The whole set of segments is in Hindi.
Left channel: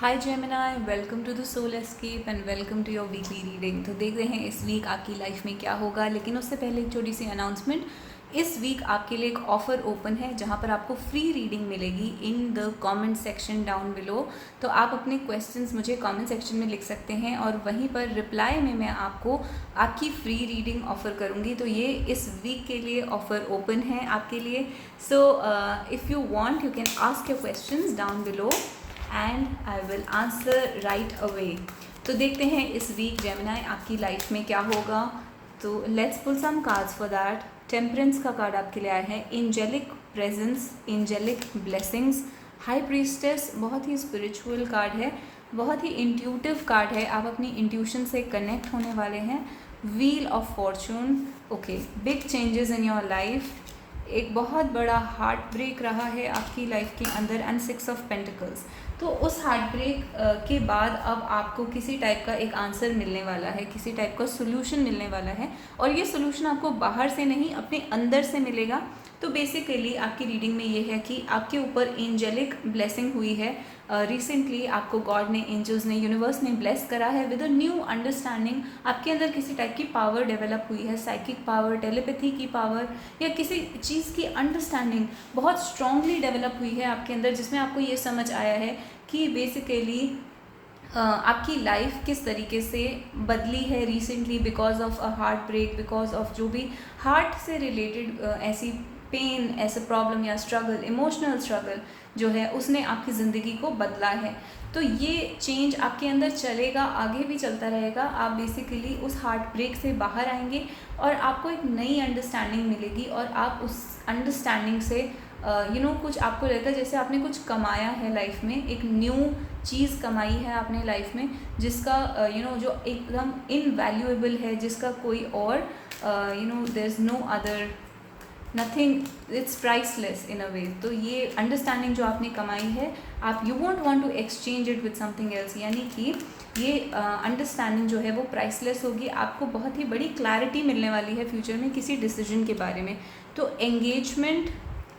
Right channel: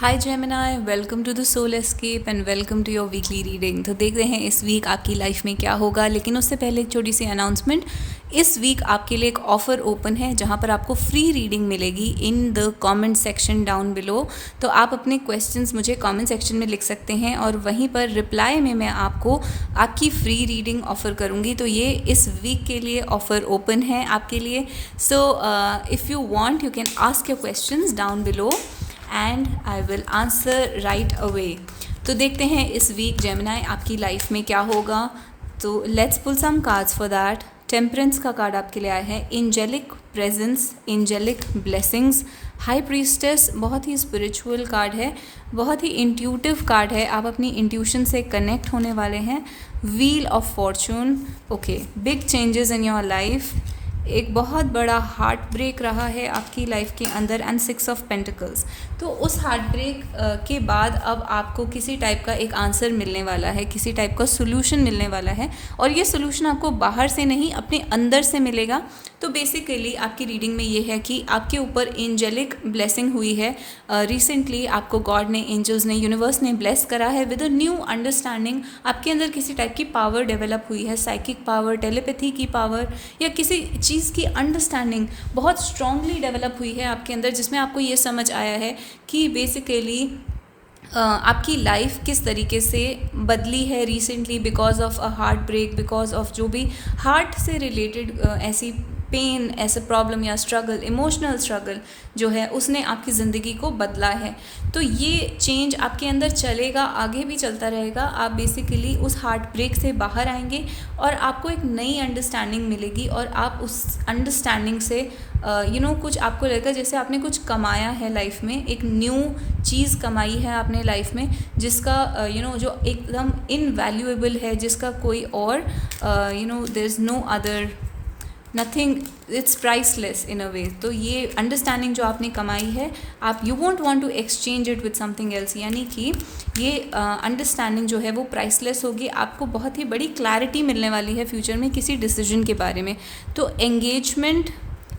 Hi Gemini, welcome to the soul escape and welcome to your weekly reading. तो देख रहे हैं इस वीक आपकी लाइफ में क्या होगा, लेकिन उससे पहले एक छोटी सी अनाउंसमेंट। इस वीक आपके लिए एक ऑफ़र ओपन है जहां पर आपको फ्री रीडिंग मिलेगी in the comment section down below. तो आप अपने क्वेश्चंस मुझे कमेंट सेक्शन में लिख सकते हैं और वहीं पर रिप्लाई में मैं आपको आपकी फ्री रीडिंग ऑफ़र करूँगी। तो ये इस वीक के लिए ऑफ़र ओपन है आपके लिए। So if you want you can ask your questions down below and I will answer right away. तो देखते हैं इस वीक जेमिनाई आपकी लाइफ में क्या होगा। तो let's pull some cards for that. Temperance का कार्ड आपके लिए आया है, angelic presence, angelic blessings, high priestess. बहुत ही स्पिरिचुअल कार्ड है, बहुत ही इंट्यूटिव कार्ड है। आप अपनी इंट्यूशन से कनेक्ट होने वाले हैं। Wheel of Fortune, okay, big changes in your life. एक बहुत बड़ा हार्ट ब्रेक रहा है आपकी लाइफ के अंदर एंड 6 ऑफ पेंटिकल्स। तो उस हार्ट ब्रेक के बाद अब आपको किसी टाइप का एक आंसर मिलने वाला है, किसी टाइप का सोल्यूशन मिलने वाला है और ये सोल्यूशन आपको बाहर से नहीं अपने अंदर से मिलेगा। तो बेसिकली आपकी रीडिंग में ये है कि आपके ऊपर एंजेलिक ब्लेसिंग हुई है। रिसेंटली आपको गॉड ने, एंजल्स ने, यूनिवर्स ने ब्लेस करा है विद अ न्यू अंडरस्टैंडिंग। आपके अंदर किसी टाइप की पावर डेवलप हुई है, साइकिक पावर, टेलीपैथी की पावर या किसी चीज़ की अंडरस्टैंडिंग बहुत स्ट्रांगली डेवलप हुई है आपके अंदर, जिसमें आपको ये समझ आया है कि बेसिकली आपकी लाइफ किस तरीके से बदली है recently because of a heart break, because of जो भी हार्ट से रिलेटेड ऐसी पेन, ऐसा प्रॉब्लम या स्ट्रगल, इमोशनल स्ट्रगल जो है उसने आपकी ज़िंदगी को बदला है। तो ये चेंज आपके अंदर चलेगा, आगे भी चलता रहेगा। आप बेसिकली उस हार्ट ब्रेक से बाहर आएंगे और आपको एक नई अंडरस्टैंडिंग मिलेगी और आप उस अंडरस्टैंडिंग से कुछ आपको लगेगा जैसे आपने कुछ कमाया है लाइफ में, एक न्यू चीज़ कमाई है आपने लाइफ में, जिसका जो एकदम इनवैल्यूएबल है, जिसका कोई और there is no other nothing, it's priceless in a way. तो ये अंडरस्टैंडिंग जो आपने कमाई है, आप you want want to exchange it with something else, यानी कि ये अंडरस्टैंडिंग जो है वो प्राइसलेस होगी। आपको बहुत ही बड़ी क्लैरिटी मिलने वाली है फ्यूचर में किसी डिसीजन के बारे में। तो engagement,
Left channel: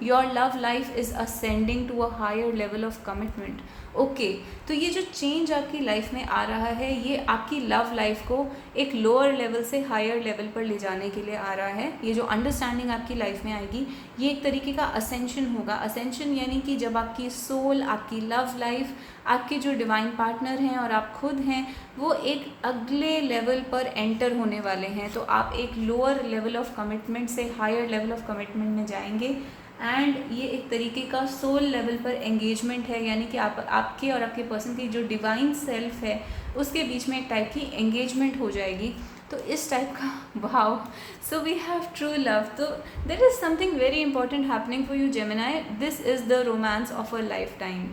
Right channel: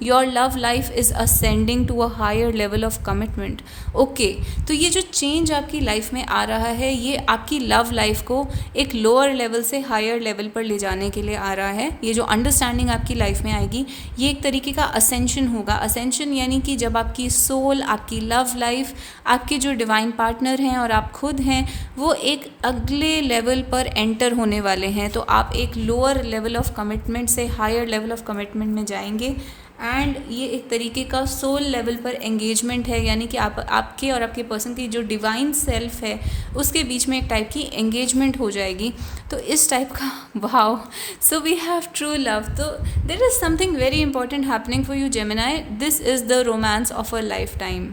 your love life is ascending to a higher level of commitment. Okay, तो ये जो चेंज आपकी लाइफ में आ रहा है ये आपकी लव लाइफ को एक लोअर लेवल से हायर लेवल पर ले जाने के लिए आ रहा है। ये जो अंडरस्टैंडिंग आपकी लाइफ में आएगी ये एक तरीके का असेंशन होगा। असेंशन यानी कि जब आपकी सोल, आपकी लव लाइफ, आपके जो डिवाइन पार्टनर हैं और आप खुद हैं, वो एक अगले लेवल पर एंटर होने वाले हैं। तो आप एक लोअर लेवल ऑफ कमिटमेंट से हायर लेवल ऑफ कमिटमेंट में जाएंगे एंड ये एक तरीके का सोल लेवल पर एंगेजमेंट है, यानी कि आपके और आपके पर्सन की जो डिवाइन सेल्फ है उसके बीच में एक टाइप की एंगेजमेंट हो जाएगी। तो इस टाइप का wow, so we have true love. तो there is something very important happening for you Gemini. This is the romance of a lifetime.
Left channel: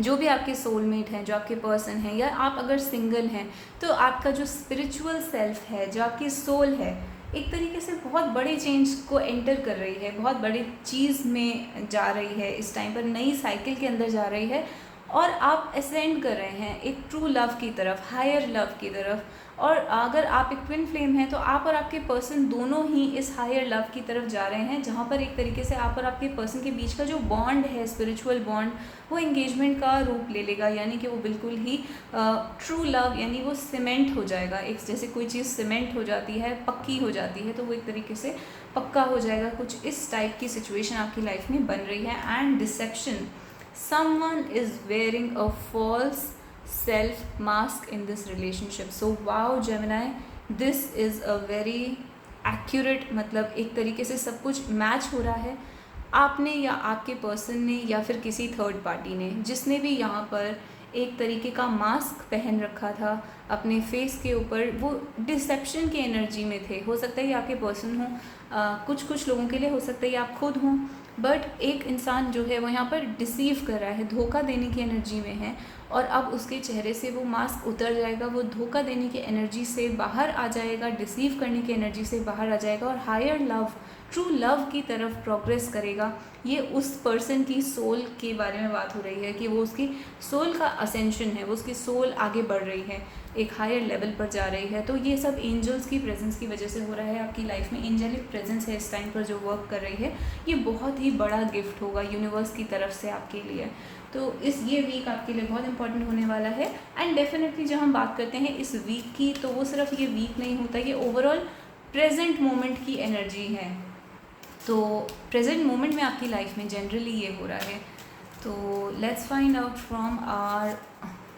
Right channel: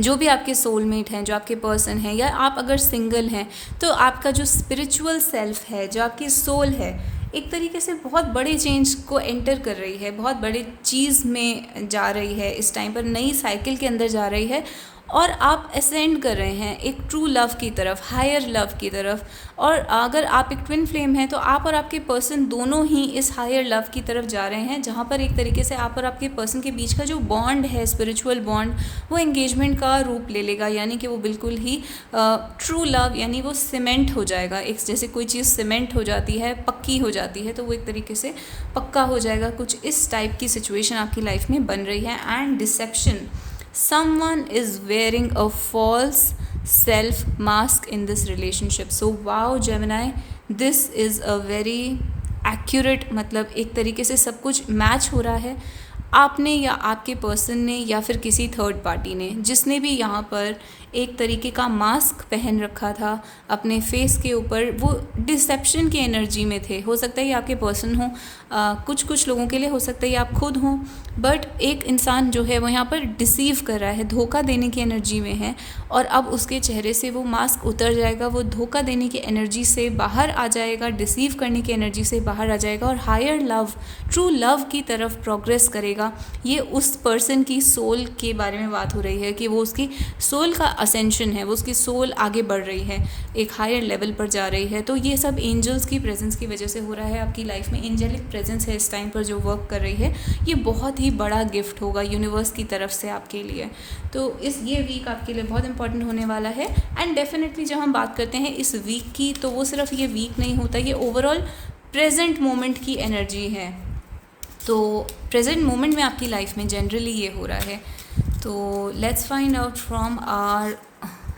जो भी आपके सोलमेट हैं, जो आपके पर्सन हैं, या आप अगर सिंगल हैं तो आपका जो स्पिरिचुअल सेल्फ है, जो आपकी सोल है, एक तरीके से बहुत बड़े चेंज को एंटर कर रही है, बहुत बड़ी चीज़ में जा रही है, इस टाइम पर नई साइकिल के अंदर जा रही है और आप असेंड कर रहे हैं एक ट्रू लव की तरफ, हायर लव की तरफ। और अगर आप एक ट्विन फ्लेम हैं तो आप और आपके पर्सन दोनों ही इस हायर लव की तरफ जा रहे हैं, जहाँ पर एक तरीके से आप और आपके पर्सन के बीच का जो बॉन्ड है, स्पिरिचुअल बॉन्ड, वो एंगेजमेंट का रूप ले लेगा। यानी कि वो बिल्कुल ही ट्रू लव, यानी वो सीमेंट हो जाएगा। एक जैसे कोई चीज़ सीमेंट हो जाती है, पक्की हो जाती है, तो वो एक तरीके से पक्का हो जाएगा। कुछ इस टाइप की सिचुएशन आपकी लाइफ में बन रही है। And deception, someone is wearing a false self mask in this relationship. So wow Gemini, this is a very accurate, मतलब एक तरीके से सब कुछ मैच हो रहा है। आपने या आपके पर्सन ने या फिर किसी थर्ड पार्टी ने, जिसने भी यहाँ पर एक तरीके का मास्क पहन रखा था अपने फेस के ऊपर, वो डिसेप्शन की एनर्जी में थे। हो सकता है ये आपके पर्सन हो, कुछ लोगों के लिए हो सकता है ये आप खुद हों, बट एक इंसान जो है वो यहाँ पर डिसीव कर रहा है, धोखा देने की एनर्जी में है और अब उसके चेहरे से वो मास्क उतर जाएगा, वो धोखा देने की एनर्जी से बाहर आ जाएगा, डिसीव करने की एनर्जी से बाहर आ जाएगा और हायर लव, ट्रू लव की तरफ प्रोग्रेस करेगा। करेगा। ये उस पर्सन की सोल के बारे में बात हो रही है कि वो उसकी सोल का असेंशन है, वो उसकी सोल आगे बढ़ रही है, एक हायर लेवल पर जा रही है। तो ये सब एंजल्स की प्रेजेंस की वजह से हो रहा है। आपकी लाइफ में एंजेलिक प्रेजेंस है इस टाइम पर जो वर्क कर रही है। ये बहुत ही बड़ा गिफ्ट होगा यूनिवर्स की तरफ से आपके लिए। तो ये वीक आपके लिए बहुत इंपॉर्टेंट होने वाला है। एंड डेफिनेटली जब हम बात करते हैं इस वीक की, तो वो सिर्फ ये वीक नहीं होता, ये ओवरऑल प्रेजेंट मोमेंट की एनर्जी है। तो प्रेजेंट मोमेंट में आपकी लाइफ में जनरली ये हो रहा है। तो let's find out from our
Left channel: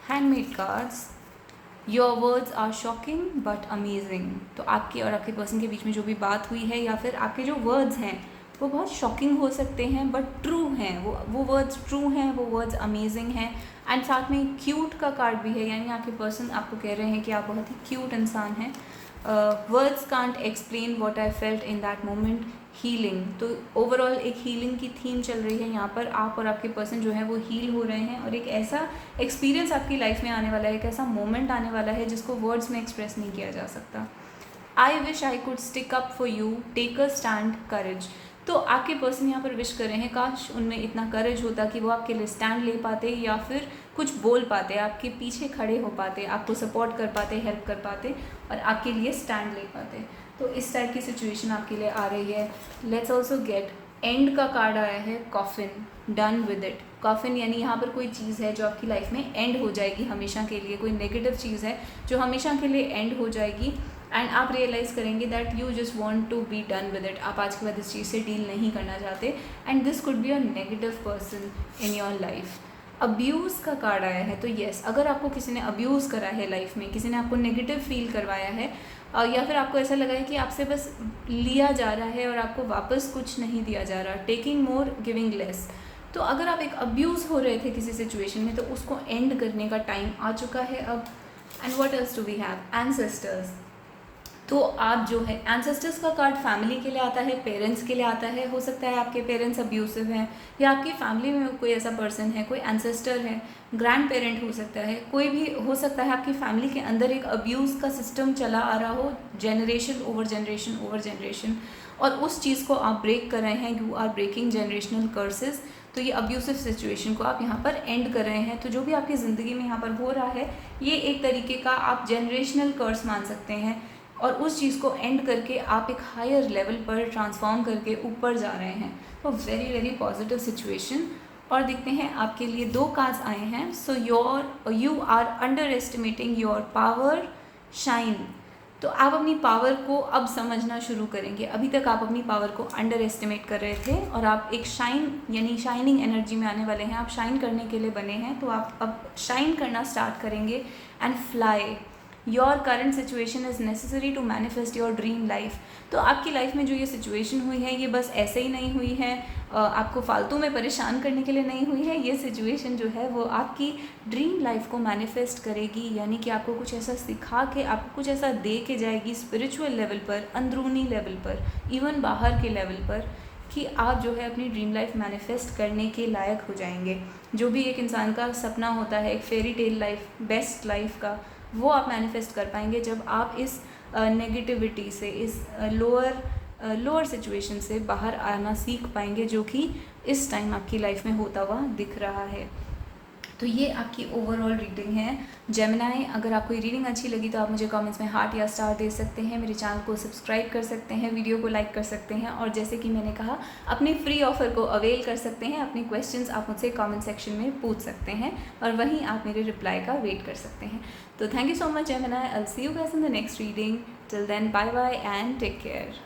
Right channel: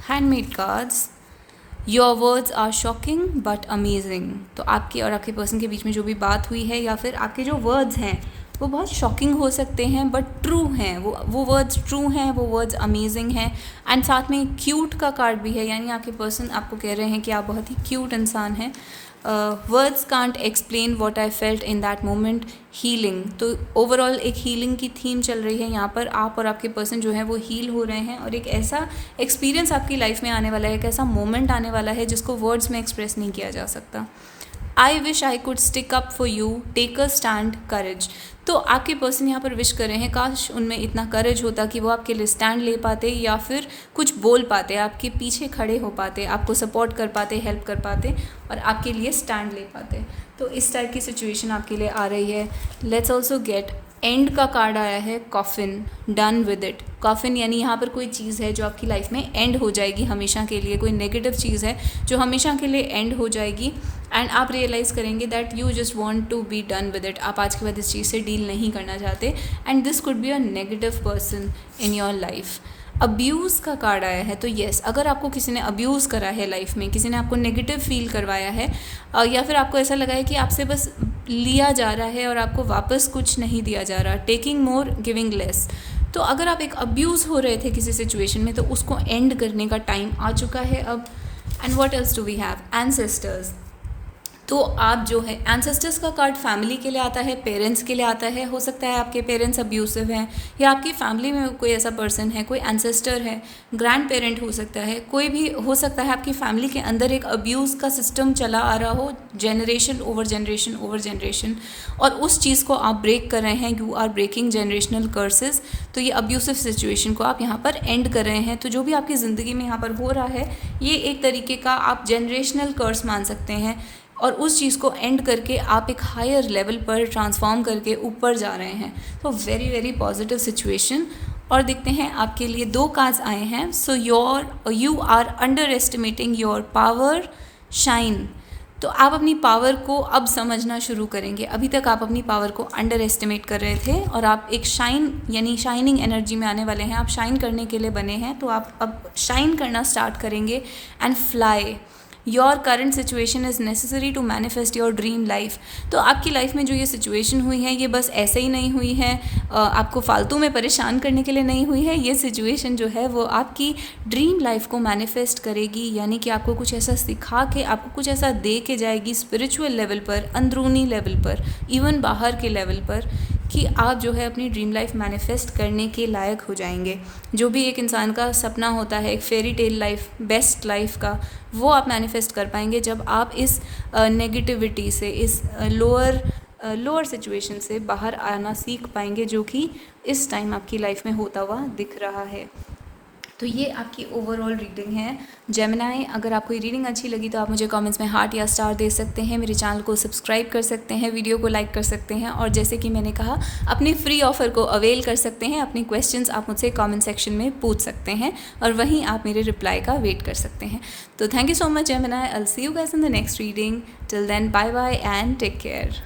handmade cards. Your words are shocking but amazing. तो आपके और आपके पर्सन के बीच में जो भी बात हुई है, या फिर आपके जो वर्ड्स हैं वो बहुत शॉकिंग हो सकते हैं बट ट्रू हैं। वो वर्ड्स ट्रू हैं, वो वर्ड्स अमेजिंग हैं। एंड साथ में क्यूट का कार्ड भी है, यानी आपके पर्सन आपको कह रहे हैं कि आप बहुत ही क्यूट इंसान हैं। Words can't explain what I felt in that moment. Healing, तो ओवरऑल एक हीलिंग की थीम चल रही है यहाँ पर। आप और आपके पर्सन जो है वो हील हो रहे हैं, और एक ऐसा एक्सपीरियंस आपकी लाइफ में आने वाला है, एक ऐसा मोमेंट आने वाला है जिसको वर्ड्स में एक्सप्रेस नहीं किया जा सकता। I wish I could stick up for you, take a stand, courage. तो आपके पर्सन यहाँ पर विश कर रहे हैं काश उनमें इतना करेज होता कि वो आपके लिए स्टैंड ले पाते, या फिर कुछ बोल पाते, आपके पीछे खड़े हो पाते, आपको सपोर्ट कर पाते, हेल्प कर पाते, और आपके लिए स्टैंड ले पाते। तो इस टाइप की सिचुएशन आपके लिए आ रही है। लेट्स ऑल्सो गेट एंड का कार्ड आया है, coffin, done with it. Coffin यानी यहाँ पर कोई चीज़ है जो आपकी लाइफ में एंड हो जाएगी हमेशा के लिए, कोई नेगेटिव चीज़ है जो हमेशा के लिए एंड हो जाएगी। एंड आप रियलाइज़ करेंगे that you just want to be done with it. आप आज के बाद इस चीज़ से डील नहीं करना चाहते। And this could be a negative person in your life. Abuse का कार्ड आया है, तो येस, अगर आपको किसी ने अब्यूज़ करा है लाइफ में, किसी ने आपको नेगेटिव फील करवाया है, या फिर आपको ऐसा लगा है कि आपसे बस लिया जा रहा है और आपको वापस कुछ नहीं दिया जा रहा, टेकिंग मोर गिविंग लेस। तो अगर आप एक अब्यूज़ हो रहे थे किसी सिचुएशन में, तो उसको एंड करने का टाइम आ चुका है अब। And what else do we have? Ancestors. तो आप जो है, एंसेस्टर्स का कार्ड फैमिली के लिए आता है, पेरेंट्स के लिए आता है। हो सकता है आपके पेरेंट्स अब्यूसिव हैं, या आपकी फैमिली में कोई ऐसा पर्सन है, कोई एंसेस्टर है, ग्रैंड पेरेंट हो सकता है, कोई भी हो सकता है आपकी फैमिली के अंदर एक अब्यूज़ का सिस्टम चला आ रहा हो, generation over generation over generation, और उस चीज़ को आप ब्रेक कर रहे हैं। You are breaking generational curses. तो ये अब्यूसिव सिचुएशन को आप यहाँ पर एंड कर रहे हैं। तो जो भी आपकी ज़िंदगी में यहाँ पर हो रहा है, ये एक तरीके का आप जनरेशनल कर्स मान सकते हैं, और उस चीज़ को एंड करके आप एक हायर लेवल पर ट्रांसफॉर्म करके ऊपर जा रहे हैं। तो वेरी वेरी पॉजिटिव सिचुएशन। और देखते हैं आपके लिए 2 कार्ड्स आए हैं। So you are underestimating your power, shine. तो आप अपनी पावर को अब समझना शुरू करेंगे। अभी तक आप अपनी पावर को अंडर एस्टिमेट कर रहे थे, और आप एक शाइन यानी शाइनिंग एनर्जी में आने वाले हैं। आप शाइन करने के लिए बने हैं, तो आप अब शाइन करना स्टार्ट करेंगे। And fly. Your current situation is necessary to manifest your dream life. तो आपकी लाइफ में जो ये सिचुएशन हुई है, ये बस ऐसे ही नहीं हुई है, आपको फालतू में परेशान करने के लिए नहीं हुई है। ये सिचुएशन जो है वो आपकी ड्रीम लाइफ को मैनिफेस्ट करेगी, यानी कि आपको कुछ ऐसा सिखा के, आपको कुछ ऐसा दे के जाएगी स्पिरिचुअल लेवल पर, अंदरूनी लेवल पर, इवन बाहर के लेवल पर, कि आप जो है अपनी ड्रीम लाइफ मैनिफेस्ट करने के लायक हो जाएंगे। जो भी एक इंसान का सपना होता है, एक fairy tale life, best life का, वो आप मैनिफेस्ट कर पाएंगे जब आप इस नेगेटिविटी से, इस लोअर सिचुएशन से बाहर आना सीख पाएंगे, जो कि इस टाइम आपकी लाइफ में होता हुआ दिख रहा है। तो ये आपकी ओवरऑल रीडिंग है जेमिनी। अगर आपको ये रीडिंग अच्छी लगी तो आप मुझे कमेंट्स में हार्ट या स्टार दे सकते हैं, मेरे चैनल को सब्सक्राइब कर सकते हैं, वीडियो को लाइक कर सकते हैं, और जैसे कि मैंने कहा, अपने फ्री ऑफ़र को अवेल कर सकते हैं। अपने क्वेश्चंस आप मुझसे कमेंट सेक्शन में पूछ सकते हैं, और वहीं आप मेरे रिप्लाई का वेट कर सकते हैं। तो thank you so much Gemini. I will see you guys in the next reading. Till then, bye bye and take care.